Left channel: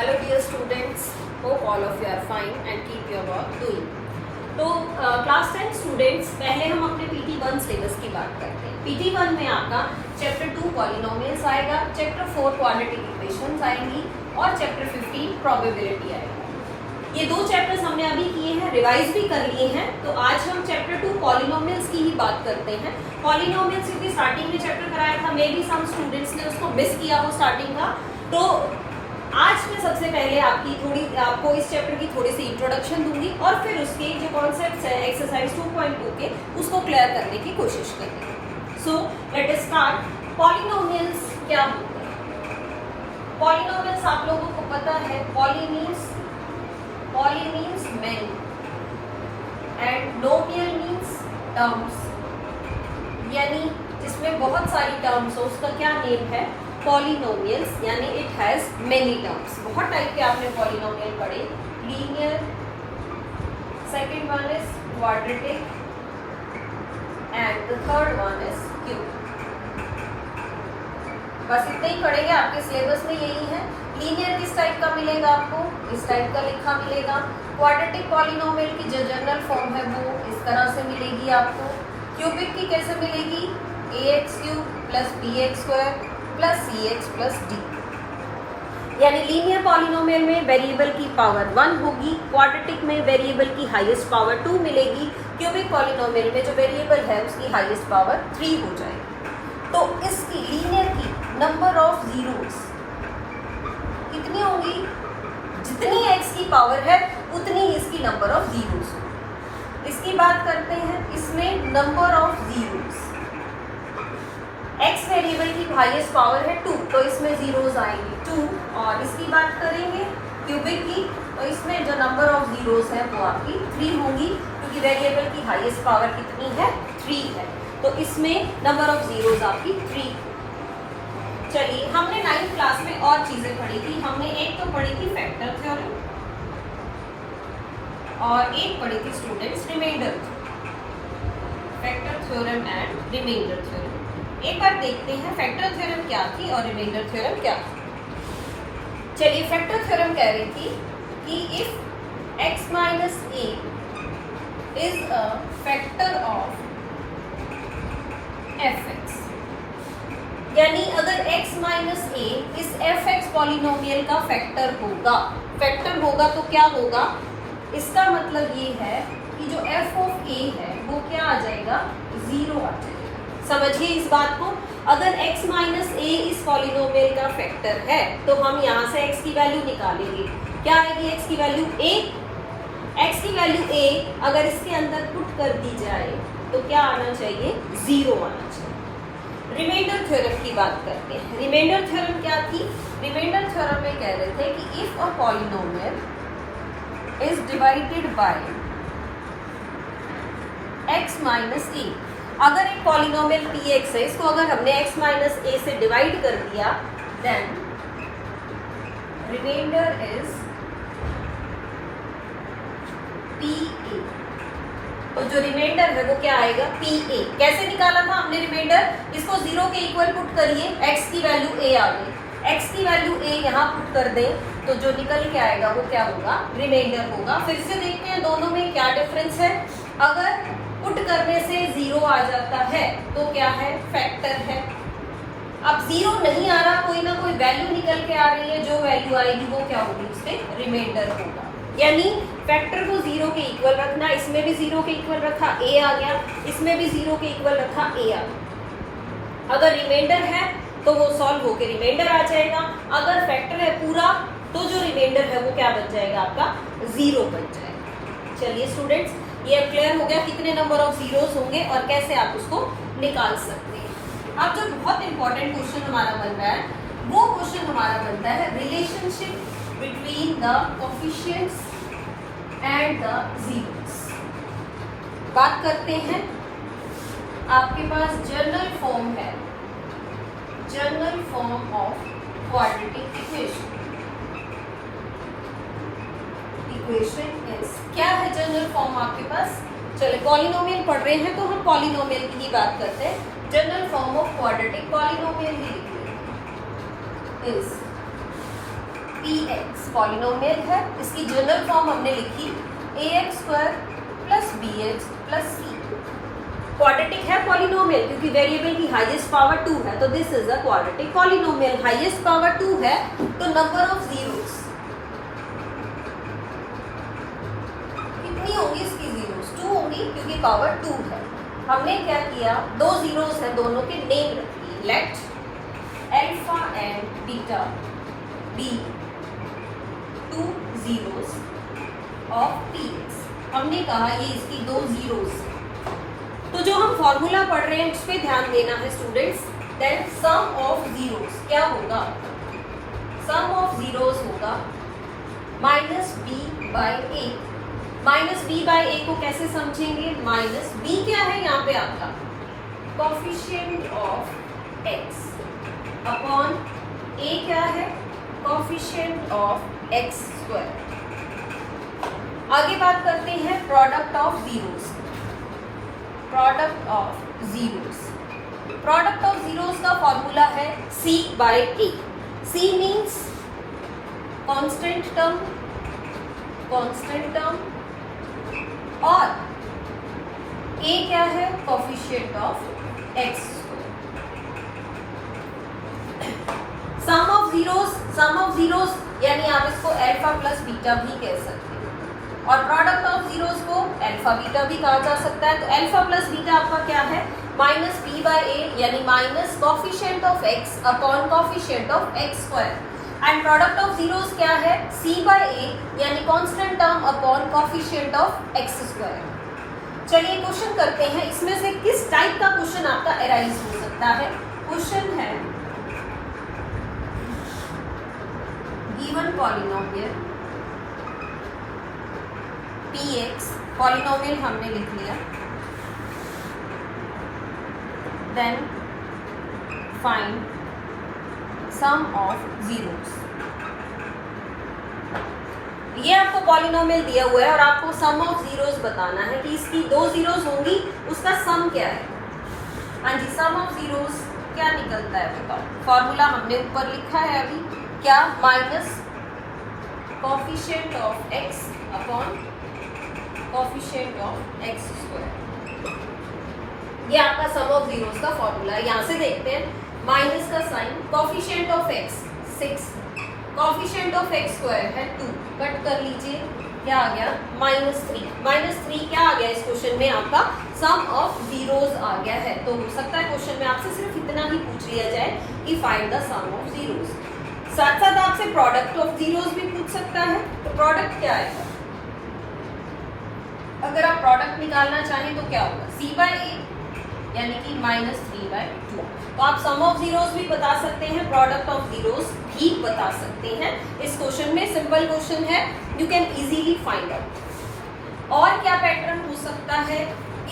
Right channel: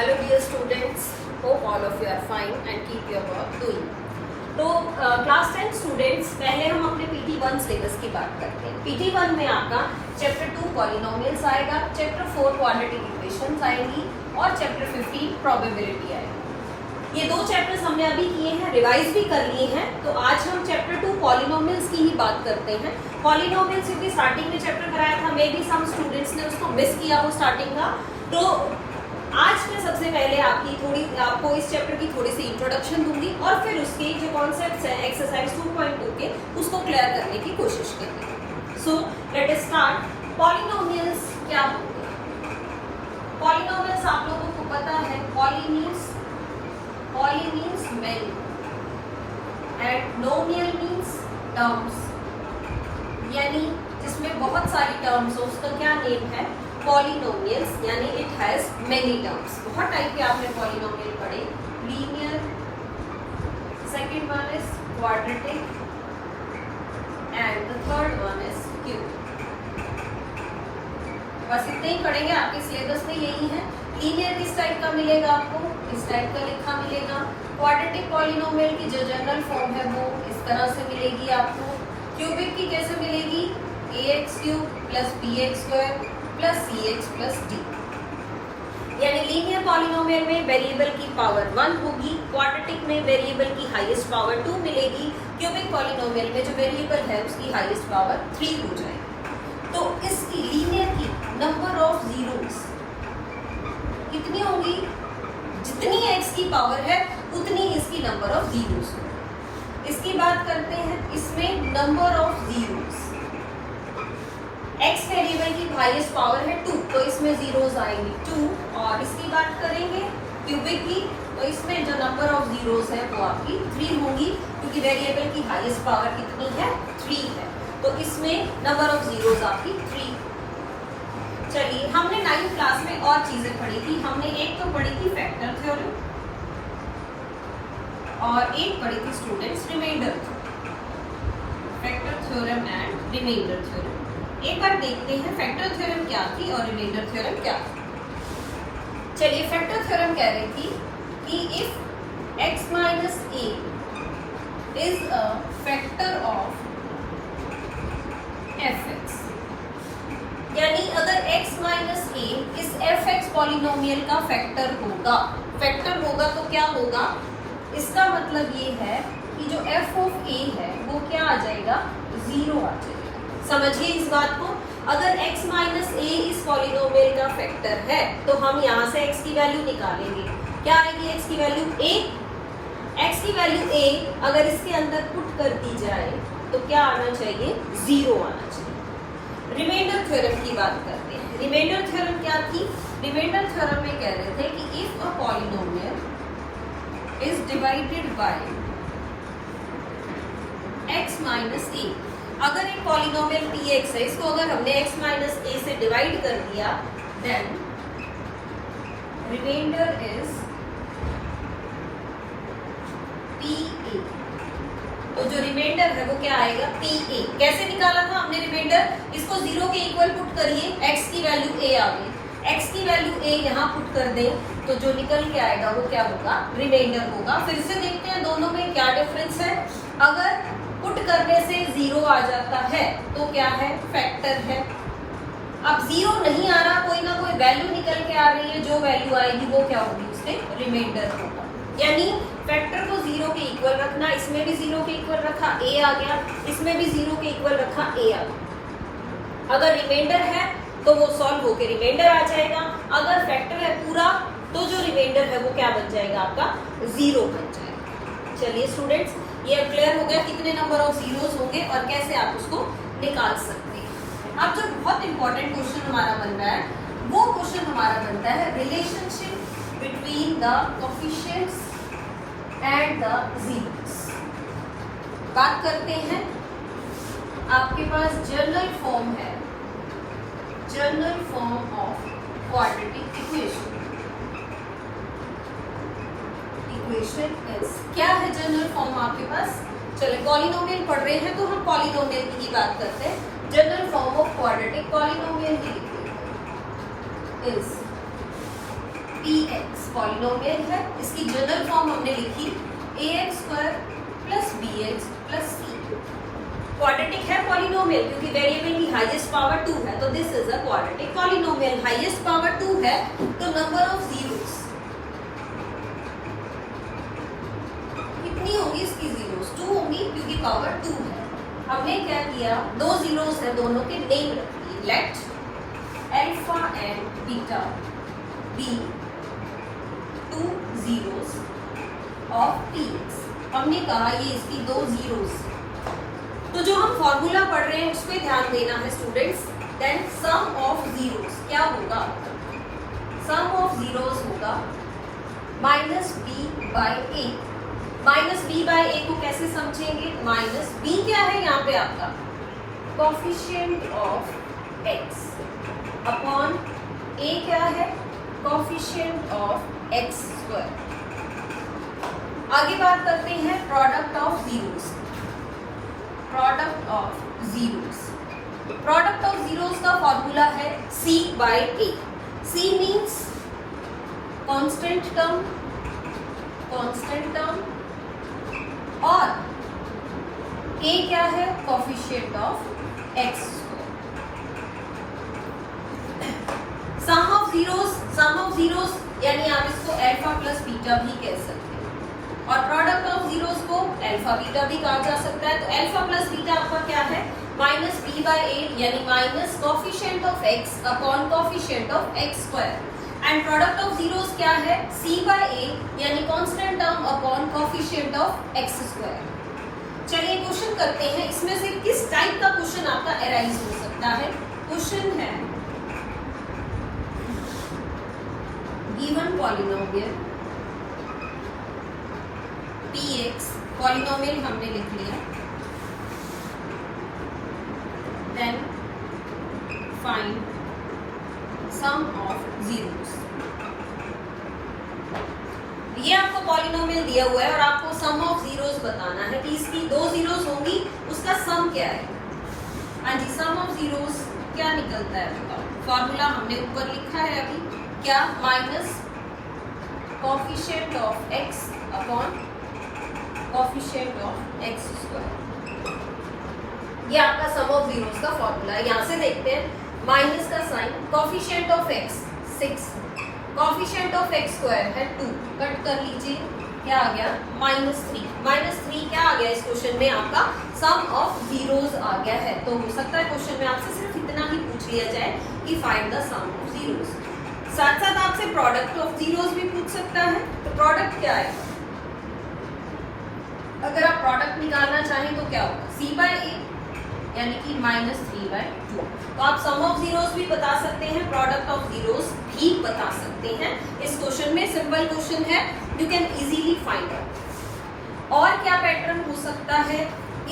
Hello dear students, hope all of you are fine and keep your work doing. तो class 10 students, पहले हम अपने PT1 syllabus की बात करते हैं। PT1 में आपका चैप्टर 2 पॉलिनोमियल्स आएगा, चैप्टर 4 क्वाड्रेटिक इक्वेशंस आएंगी और चैप्टर 15 प्रोबेबिलिटी आएगा। ये दो चैप्टर्स हमने अभी किए हैं, रिवाइज भी कर लिए हैं। तो आज हम चैप्टर 2 पॉलिनोमियल्स की ही बात करते हैं। पॉलिनोमियल्स क्योंकि स्टार्टिंग में चैप्टर कराया था, मे बी सम स्टूडेंट्स ने उसको मिस किया वो स्टार्टिंग का। तो आज मैं सबसे पहले आपको इस चैप्टर की थोड़ी सी इंट्रोडक्शन दूंगी और फिर उसके जो कॉन्सेप्ट्स है एक्सरसाइज 2.2 के उसको क्लियर करने की कोशिश करेंगे। So let us start. Polynomials क्या होते हैं? पॉलिनोमियल्स आप लोगों को पता है, poly means many and नोमियल means terms, यानी जिसमें बहुत सारी टर्म्स हो उसका क्या नेम है? पॉलिनोमियल्स, यानी इट हैज मेनी टर्म्स। बहुत टाइप के आपने पॉलिनोमियल पढ़े, linear, second one is quadratic and the third one is cube. बस इतना ही पढ़ेंगे, आपके सिलेबस में यही है। लीनियर किस टाइप का मिलेगा आपको? इस टाइप का लिखा मिलेगा। क्वाड्रेटिक पॉलिनोमियल की जो जनरल फॉर्म है वो इस तरह से मिलेगी आपको। क्यूबिक की कैसे मिलेगी? ax³ plus bx² plus cx plus d। यानी लीनियर पॉलिनोमियल में वेरिएबल की पावर 1 होगी, क्वाड्रेटिक में वेरिएबल की हाईएस्ट पावर 2 मिलेगी, क्यूबिक पॉलिनोमियल में जो वेरिएबल है उसकी हाईएस्ट पावर 3 हो जाएगी। तो इसकी लीनियर की नंबर ऑफ जीरोस कितनी होगी? जितनी x की पावर है उतनी इसकी नंबर ऑफ जीरोस होगी। इसकी बात करते हैं, इसमें number of zeros, x variable की हाईएस्ट पावर है 2, तो इसमें जीरोस आएंगे 2। और इसकी बात करेंगे क्यूबिक की, तो इसमें जो नंबर ऑफ जीरोस है वो आपकी 3 होंगी, क्योंकि वेरिएबल की हाईएस्ट पावर कितनी है? 3 है। तो इसमें नंबर ऑफ जीरोस आपकी 3। चलिए, हमने 9th क्लास में और चीजें पढ़ी थी। हमने एक तो पढ़ी थी फैक्टर थ्योरम और एक पढ़ी थी students reminder theorem. Factor theorem and reminder theorem एक बार देखते हैं फैक्टर थ्योरम क्या थी और रिमाइंडर थ्योरम क्या थी। चलिए, फैक्टर थ्योरम कह रही थी कि if x minus a is a factor of fx, यानी अगर x माइनस a इस fx पॉलिनोमियल का फैक्टर होगा तो क्या होगा? इसका मतलब ये है कि जो f ऑफ a है वो क्या आ जाएगा? 0 आ जाएगा। समझिए इस बात को। अगर x माइनस a इस पॉलिनोमियल का फैक्टर है तो हम यहाँ से x की वैल्यू निकालेंगे। क्या आएगी x की वैल्यू? a। x की वैल्यू a अगर इसके अंदर पुट कर दी जाए तो क्या आना चाहिए? 0 आना चाहिए। रिमाइंडर थ्योरम की बात करते हैं। रिमाइंडर थ्योरम क्या थी? रिमाइंडर थ्योरम में कह रहे थे कि if a polynomial is divided by x minus a, अगर एक पॉलिनोमियल px है, इसको अगर हमने x माइनस a से डिवाइड कर दिया, देन रिमाइंडर इज pa। तो जो रिमाइंडर है वो क्या आएगा? pa। कैसे निकाला था हमने रिमाइंडर? इसको 0 के इक्वल पुट करिए, x की वैल्यू a आ गई। x की वैल्यू a यहाँ पुट कर दें तो जो निकल के आएगा वो क्या होगा? रिमाइंडर होगा। फिर से देखते हैं दोनों में क्या डिफरेंस है। अगर पुट करने से 0 आ जाता है तो क्या है? फैक्टर है। अब 0 नहीं आ रहा, कोई ना कोई वैल्यू निकल के आ रही है, जो वैल्यू आएगी वो क्या होगी? उससे रिमाइंडर होगा। यानी फैक्टर को 0 के इक्वल रखना, इसमें भी 0 के इक्वल रखा, a आ गया, इसमें भी 0 के इक्वल रखा, a आ गया। अगर रिमाइंडर है तो वो सॉल्व होकर रिमाइंडर आ जाएगा। अगर फैक्टर है पूरा तो जो रिमाइंडर है वो क्या बन जाएगा? आपका 0 बन जाएगा। चलिए स्टूडेंट्स, ये क्लियर हो गया कितने नंबर ऑफ जीरोस होंगे और कैसे आप उसको निकाल सकते हैं। अब जो बहुत इंपॉर्टेंट क्वेश्चन हमारा बन रहा है वो क्वेश्चन हमारा बनता है relationship between the coefficients and the zeros. बात करते हैं, आपके पास जनरल फॉर्म है, general form of quadratic equation. Equation is, क्या है जनरल फॉर्म आपके पास? चलिए, पॉलिनोमियल पढ़ रहे हैं तो हम पॉलिनोमियल की ही बात करते हैं। General form of quadratic polynomial is px polynomial है, इसकी जनरल फॉर्म हमने लिखी ax square plus bx plus c। Quadratic है पॉलिनोमियल क्योंकि वेरिएबल की हाईएस्ट पावर 2 है, तो this is a quadratic polynomial. Highest power 2 है तो नंबर ऑफ जीरोस कितनी होगी, इसकी जीरोस 2 होंगी क्योंकि पावर 2 है। हमने क्या किया, दो जीरोस है, दोनों के नेम रख दिए। Let alpha and beta be two zeros of px। हमने कहा ये इसकी दो जीरोस। तो जो हम फॉर्मूला पढ़ रहे हैं उस पे ध्यान देना है students. Then sum of zeros क्या होगा, सम ऑफ जीरोस होगा minus B by A. Minus B by A को कैसे समझेंगे, माइनस बी क्या है यहाँ पे आपका कोफिशिएंट ऑफ एक्स अपॉन ए क्या है कोफिशिएंट ऑफ एक्स स्क्वायर। आगे बात करते हैं product of zeros. Product of zeros, product of zeros का फॉर्मूला है c by a। c means constant term, constant term, और a क्या है coefficient of x। Sum of zeros, sum of zeros यानी आप इसको अल्फा प्लस बीटा भी कह सकते हैं, और प्रोडक्ट ऑफ जीरोस को अल्फा बीटा भी कहा जा सकता है। तो अल्फा प्लस बीटा आपका क्या है माइनस बी बाई ए यानी minus coefficient of x upon coefficient of x square. And product of zeros क्या है सी बाई ए यानी constant term upon coefficient of x square. चलिए क्वेश्चन करते हैं, इसमें से किस टाइप का क्वेश्चन आपका अराइज हो सकता है। क्वेश्चन है गिवन पॉलिनोमियल px, पॉलिनोमियल हमने लिख लिया, then find sum of zeros. ये आपको पॉलिनोमियल दिया हुआ है और आपको सम ऑफ जीरोस बताना है कि इसकी दो जीरोस होंगी, उसका सम क्या है। हाँ जी, सम ऑफ जीरोस क्या निकलता है बताओ। फॉर्मूला हमने ऊपर लिखा है अभी, क्या minus coefficient of x upon coefficient of x square. ये आपका सम ऑफ जीरोस का फॉर्मूला है। यहाँ से देखते हैं माइनस का sign, coefficient of x 6, coefficient of x square है 2, कट कर लीजिए, क्या आ गया -3। -3 क्या आ गया इस क्वेश्चन में आपका सम ऑफ जीरोस आ गया है। तो हो सकता है क्वेश्चन में आपसे सिर्फ इतना ही पूछ लिया जाए कि find the sum of zeros. साथ साथ आपसे प्रोडक्ट ऑफ जीरोस भी पूछ सकता है। तो प्रोडक्ट क्या है, अगर आप प्रोडक्ट निकालना चाहें तो क्या होगा c बाई ए यानी कि -3/2। तो आप सम ऑफ जीरोस भी बता सकते हैं, प्रोडक्ट ऑफ जीरोस भी बता सकते हैं। इस क्वेश्चन में सिंपल क्वेश्चन है, you can easily find out. और क्या पैटर्न हो सकता है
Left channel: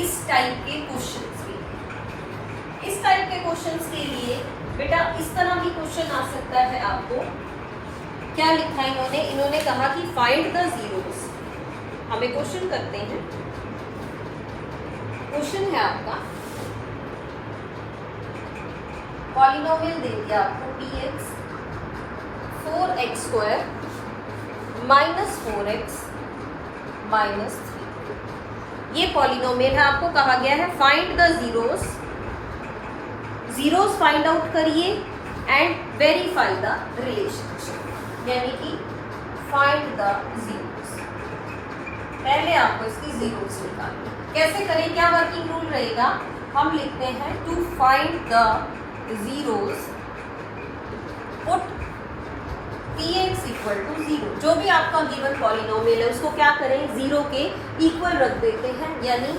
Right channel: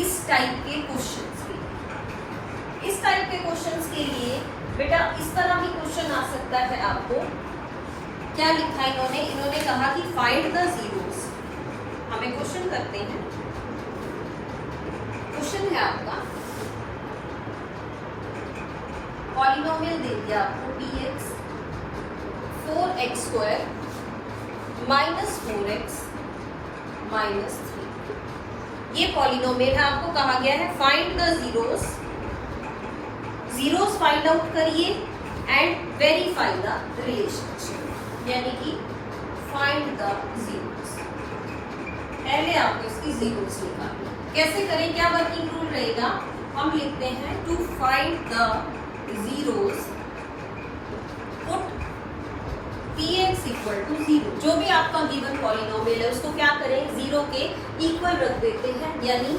इस टाइप के क्वेश्चंस के लिए। इस टाइप के क्वेश्चंस के लिए बेटा इस तरह की क्वेश्चन आ सकता है। आपको क्या लिखा है इन्होंने कहा कि फाइंड द जीरोस। हमें क्वेश्चन करते हैं, क्वेश्चन है आपका पॉलिनोमियल दे दिया आपको px 4x स्क्वायर -4x -3। ये पॉलिनोमियल है, आपको कहा गया है find the zeros. Zeros find out करिए एंड वेरीफाई द रिलेशनशिप, यानी कि फाइंड द जीरोस। पहले आपको इसकी जीरोस निकालनी। कैसे करें, क्या वर्किंग रूल रहेगा, हम लिखते हैं to find the zeros put px equal to 0। जो भी आपका गिवन पॉलिनोमियल है उसको क्या करें, 0 के इक्वल रख देते हैं, यानी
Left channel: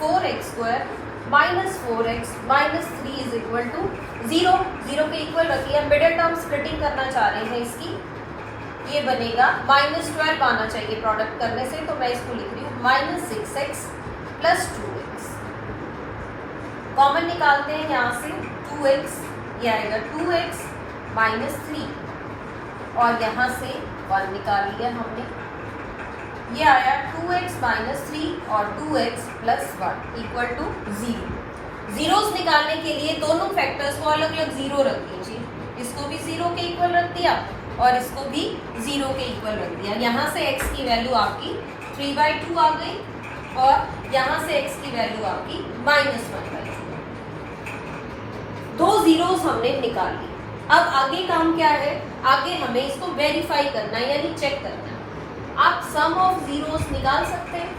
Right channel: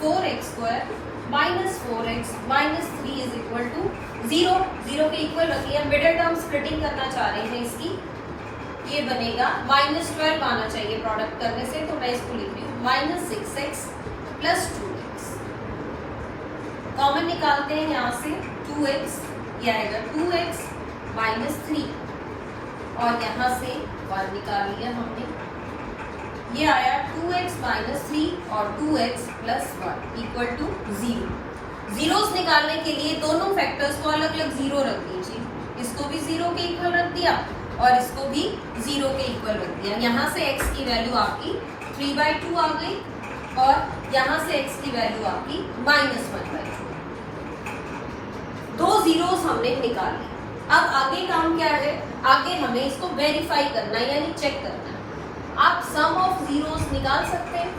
4x square -4x -3 is equal to 0। 0 के इक्वल रख लिया। मिडिल टर्म स्प्लिटिंग करना चाह रहे हैं इसकी, ये बनेगा -12 आना चाहिए प्रोडक्ट करने से, तो मैं इसको लिख रही हूँ -6x + 2x। कॉमन निकालते हैं यहाँ से 2x, ये आएगा 2x -3 और यहाँ से 1 निकाल लिया हमने, ये आया 2x -3 और 2x + 1 इक्वल टू 0। जीरोस निकालने के लिए दोनों फैक्टर्स को अलग अलग 0 रख दीजिए। इसको भी 0 के इक्वल रख दिया और इसको भी 0 के इक्वल रख दिया। यहाँ से x की वैल्यू आपकी 3/2 आ गई और यहाँ से x की वैल्यू आपकी -1/2। दो जीरोस हमने निकाल ली। अब आगे काम क्या है, आगे हमें इसको वेरीफाई करना है यानी चेक करना है। आप सम ऑफ जीरोस निकाल सकते हैं।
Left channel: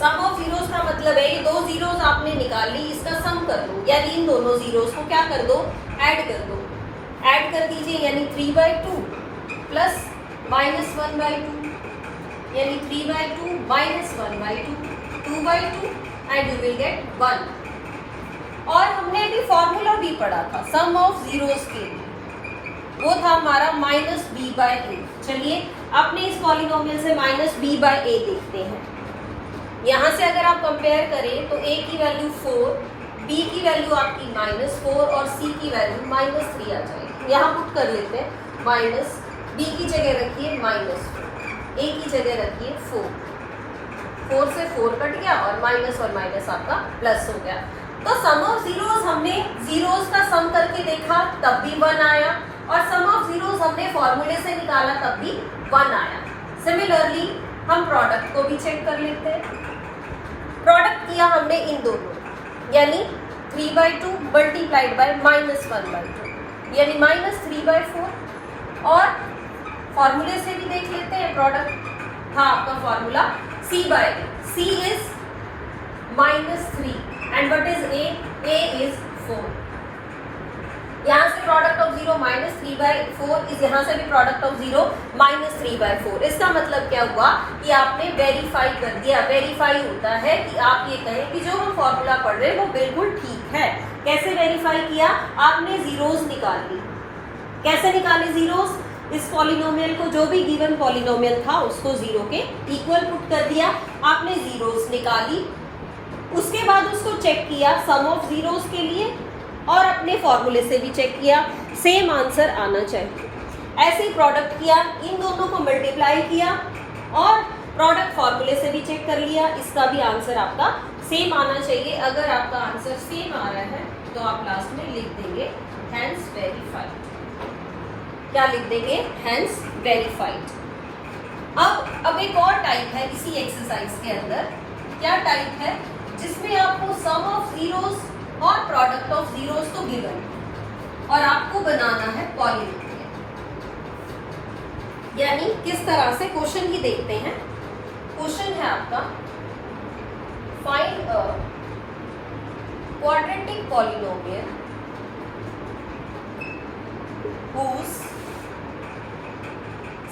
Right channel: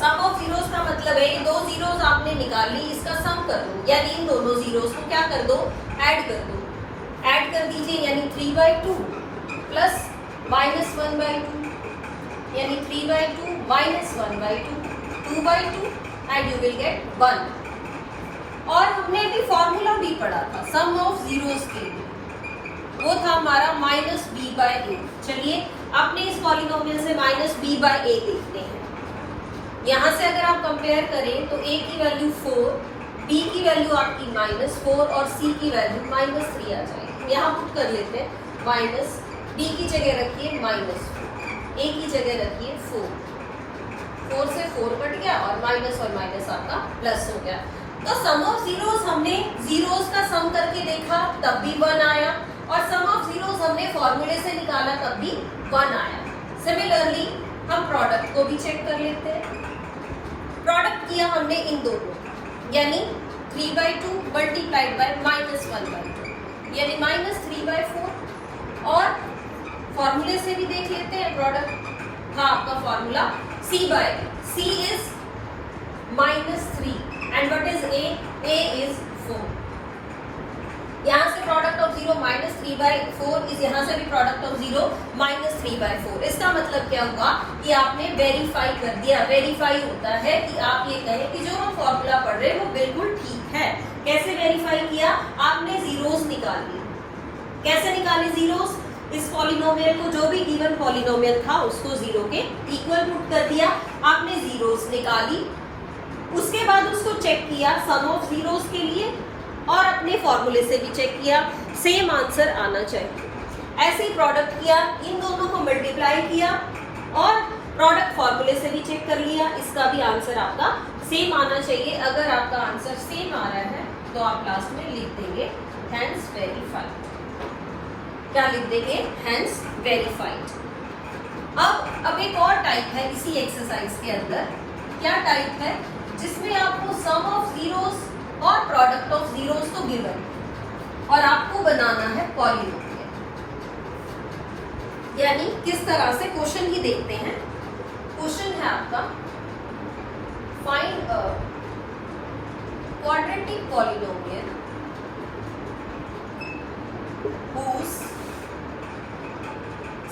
सम ऑफ जीरोस का मतलब है कि दो जीरोस आपने निकाल ली, इसका सम कर दो यानी इन दोनों जीरोस को क्या कर दो, ऐड कर दो। ऐड कर दीजिए यानी 3/2 प्लस -1/2 यानी 3/2 -1/2 2/2 एंड यू विल गेट 1। और हमने भी फॉर्मूला भी पढ़ा था सम ऑफ जीरोस के लिए, वो था हमारा -b/a। चलिए अपने इस पॉलिनोमियल से -b/a देखते हैं। यहाँ से अगर आप कंपेयर करें तो a की वैल्यू 4, b की वैल्यू आपकी -4 और c की वैल्यू -3 आ जाएगी। यहाँ पुट कर लेते हैं, माइनस b की जगह रखिए -4, a की जगह रखिए 4, 4 से 4 कट गया और माइनस आपका प्लस हो गया। तो सम ऑफ जीरोस हमने जीरोस का सम करके देखा तब भी 1 आया और सम ऑफ जीरोस हमने फॉर्मूले से निकाला तब भी 1 आया। सिमिलरली हम प्रोडक्ट को भी चेक कर लेते हैं। प्रोडक्ट किया हमने इन दोनों यानी 3/2 मल्टीप्लाइड बाय -1/2 यानी -3/4 और फॉर्मूले से भी देख लेते हैं प्रोडक्ट। हाँ, आपका formula c/a, c is -3 and what is a? a is 4। यहाँ से प्रोडक्ट ऑफ 0 -3/4 इस यहाँ से भी प्रोडक्ट ऑफ 0 -3/4। इसका मतलब क्या हुआ कि आपने वेरीफाई कर दिया। वेरीफाई होता है कि आप ये कहें कि जो हम फॉर्मूला पढ़ रहे हैं वो बिल्कुल ठीक है। कैसे वेरीफाई किया, आपने जीरोस निकाल ली। कैसे निकाले जीरोस, इस पॉलिनोमियल को जो भी गिवन पॉलिनोमियल था उसको 0 के इक्वल पुट कर दिया, आपने जीरोस निकाली। उसके बाद उसको चेक किया सम ऑफ जीरोस के लिए और अपने फॉर्मूले से भी चेक किया, सेम आंसर आना चाहिए। ऐसे ही प्रोडक्ट किया, इन दोनों को मल्टीप्लाई किया और प्रोडक्ट फॉर्मूले से भी चेक कर लिया, इसका भी आंसर आपका सेम आना चाहिए। अगर आपका आंसर सेम आ रहा है तो आप लास्ट में लिख देंगे हेंस वेरीफाइड। क्या लिख देंगे, हेंस वेरीफाइड। अब एक और टाइप है इसी एक्सरसाइज के अंदर। क्या टाइप है, जिसमें आपको सम ऑफ जीरोस और प्रोडक्ट ऑफ जीरोस को गिवन और आपको बनाना है पॉलिनोमियल। यानी किस तरह से क्वेश्चन ही देखते हैं। क्वेश्चन है आपका find a quadratic polynomial whose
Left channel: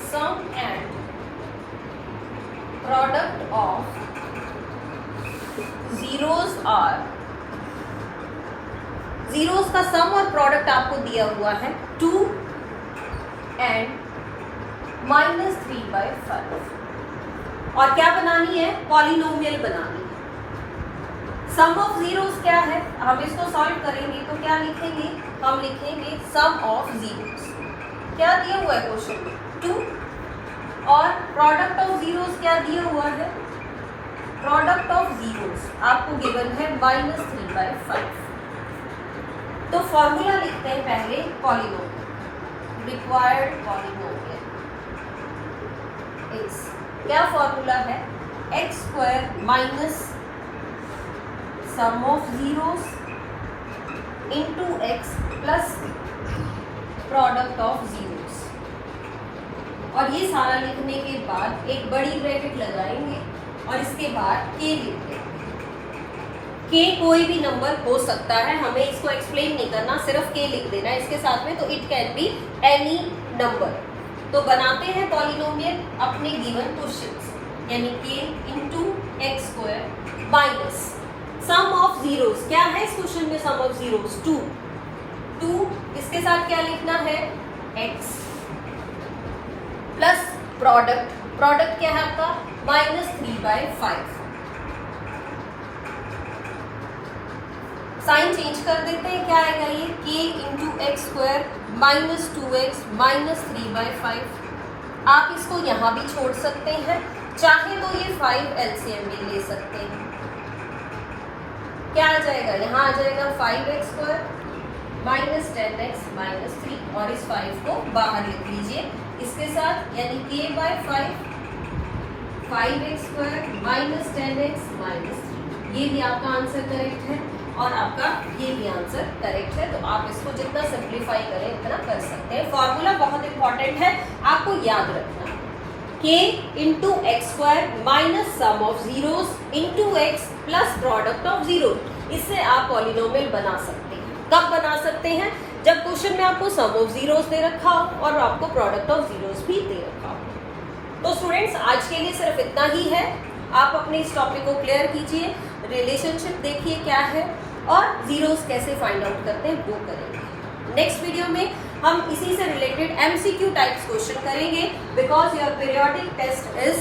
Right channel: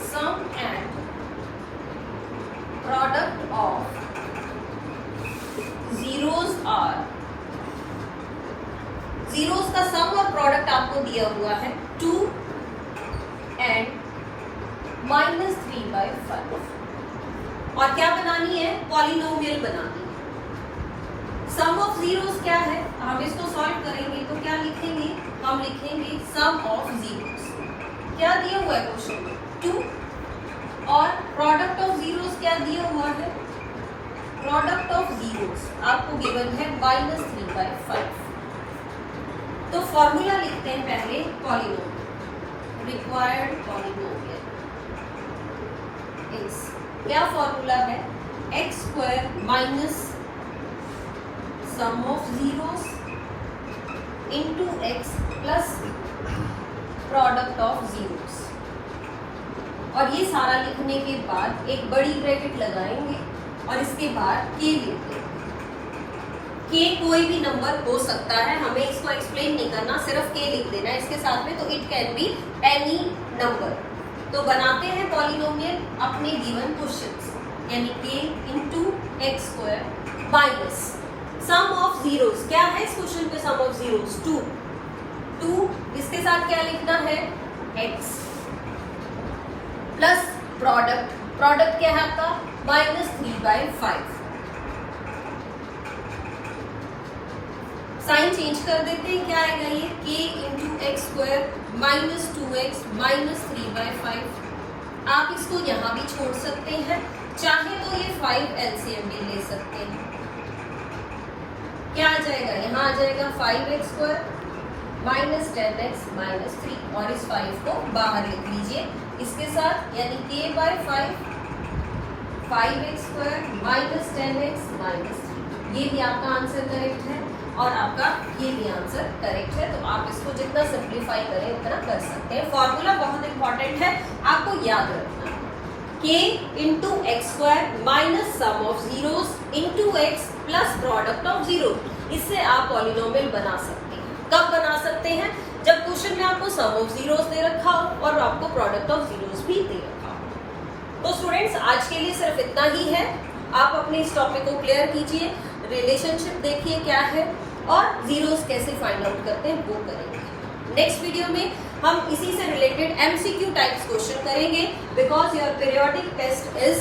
sum and product of zeros are. Zeros का सम और प्रोडक्ट आपको दिया हुआ है 2 and -3/5 और क्या बनानी है, पॉलिनोमियल बनानी है। सम ऑफ जीरोस क्या है, हम इसको सॉल्व करेंगे तो क्या लिखेंगे, हम लिखेंगे सम ऑफ जीरोस। क्या दिया हुआ है क्वेश्चन में 2 और प्रोडक्ट ऑफ जीरोस क्या दिया हुआ है, प्रोडक्ट ऑफ जीरोस आपको गिवन है -3/5। तो फॉर्मूला लिखते हैं पहले पॉलिनोमियल, रिक्वायर्ड पॉलिनोमियल इज, क्या फॉर्मूला है, x² minus sum of zeros into x plus product of zeros. और ये सारा लिखने के बाद एक बड़ी ब्रैकेट लगाएंगे और इसके बाद k लिखते हैं। k कोई भी नंबर हो सकता है, हमें इसको एक्सप्लेन नहीं करना, सिर्फ k लिख देना है इसके साथ में, तो it can be any number. तो बनाते हैं पॉलिनोमियल अपने गिवन क्वेश्चंस, यानी k into x² minus sum of zeros. क्या है इस क्वेश्चन में सम ऑफ जीरोस, 2, इसके साथ क्या लिखना है, x प्लस प्रोडक्ट क्या है आपका -3/5। साइन चेंज कर देते हैं, क्या आएगा ये k इंटू x² -2x -3/5। आप इसको यहाँ भी छोड़ सकते हैं, चाहे तो ये 5 एलसीएम भी ले सकते हैं। क्या आ जाएगा, यहाँ आ जाएगा 5x² माइनस 10x माइनस 3 और इस 5 को बाहर लिख लीजिए इसके साथ, यानी k by 5x square minus 10x minus 3। ये भी आपका आंसर करेक्ट है और आपका ये भी आंसर करेक्ट है। तो आप इसको जितना सिंप्लीफाई करें उतना कर सकते हैं। फॉर्मूला बहुत इंपॉर्टेंट है, आपको याद रखना, k into x square minus sum of zeros into x plus product of zero. इससे आप पॉलिनोमियल बना सकते हैं। कब बना सकते हैं? जब क्वेश्चन में आपको सम ऑफ जीरोस दे रखा हो और आपको प्रोडक्ट ऑफ जीरोस भी दे रखा हो। तो स्टूडेंट्स आज के लिए सिर्फ इतना ही है। आप अपने इस टॉपिक को क्लियर कीजिए, रिलेशनशिप देखिए क्या है और जीरोस कैसे फाइंड आउट करते हैं वो करेंगे। नेक्स्ट वीडियो में हम इसी से रिलेटेड एमसीक्यू टाइप्स क्वेश्चन करेंगे, because your periodic test is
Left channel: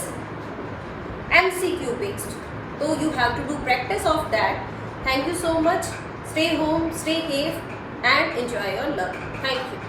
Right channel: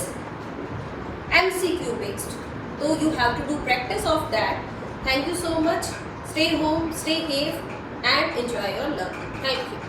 MCQ based, तो you have to do practice of that. Thank you so much. Stay home, stay safe and enjoy your learning. Thank you.